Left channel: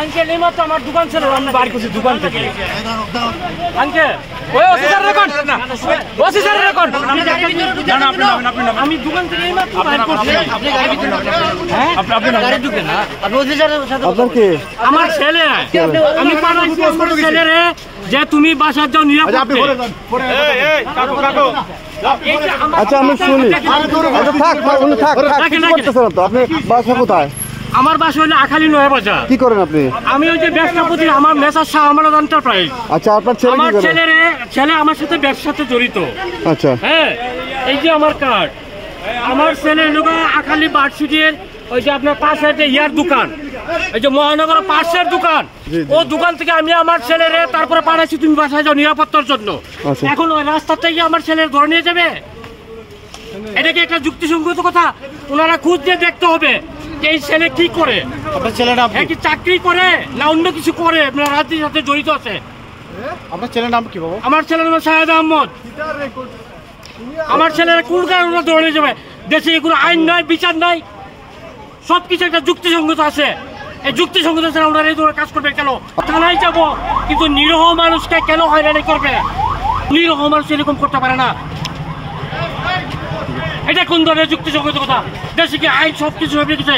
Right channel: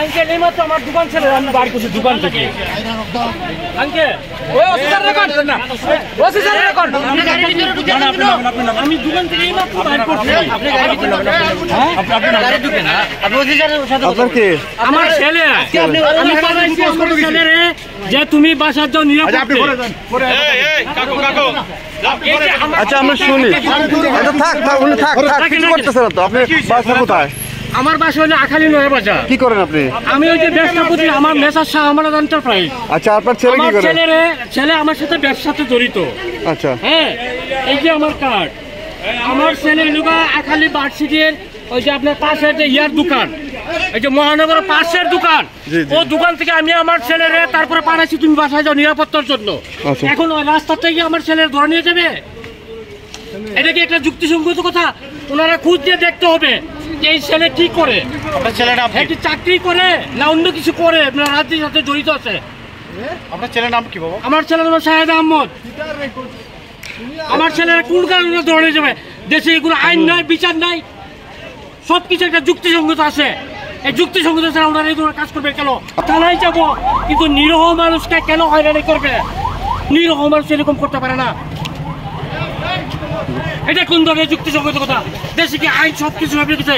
Uncle এই মাত্র আমার দোকান ছিল, আমি বাড়ি করছি দোকান থেকে। আঙ্কেল আমি দোকান থেকে এই মাত্র বাড়ি করছি। আমার ছেলে, আমি পাঠাইছি আমার ছেলেরে যে তুমি বাসার যাও নিরাপদে। আচ্ছা আমরা শুনি, থাক থাক উনি থাক থাক, কিছু করতেছে না তো। আপনি বাসা কোথায়? আমার বাসা হলো আখালি নয়া বাজার। কি করেন আপনি? আমি ওই যে ব্যবসাপতি, আমার মেসার শাহ আমানত এন্টারপ্রাইজ। আচ্ছা আপনার ছেলে কি করে? ছেলে আমার সাথে ব্যবসাতে জড়িত। আচ্ছা হ্যাঁ, এই যে আমার কার্ড, আমার ছেলে লোক আখালি বার্ষিকের ওই যে আপনার পাশের যে ইয়ার দোকান, এই যে মহানগর পাশের দোকান, ও দোকান থেকে আমি আমার ছেলেরে তারপরে পাঠাচ্ছি তুমি বাসায় যাও নিরাপত্তার জন্য। এখন ওই রাস্তা থেকে আমার ছেলের ধরে নিয়ে যাবে, এটা কি একটা যুক্তিসঙ্গত কথা? ওনারা খুঁজ দিয়ে দেখতে হবে যে এই ছেলে কি করে, কি চাকরি করে না অন্য কিছু করে, রাজনীতির সাথে জড়িত আছে। আপনার ছেলের নাম কি বাবা? আমার ছেলের নাম শাহেদ আহমদ। আমার ছেলের কোন কারণে ধরে নিয়ে যাবে? দেশে এগুলো আইন নাই, বিচার নাই, সবকিছু একটা যুক্তিসঙ্গত আছে। এই যুক্তিসঙ্গত ছাড়া ওনারা এই ধরনের কাজ করবে কেন? থানায় যাবো, কিন্তু নিরহ মানুষকে কেন হয়রানি করবে? নিরহ মানুষ এরকম করতে পারে না। এটা কোন ধরনের যুক্তিসঙ্গত কথা? দেশে কি আইন সবকিছু হবে কিছু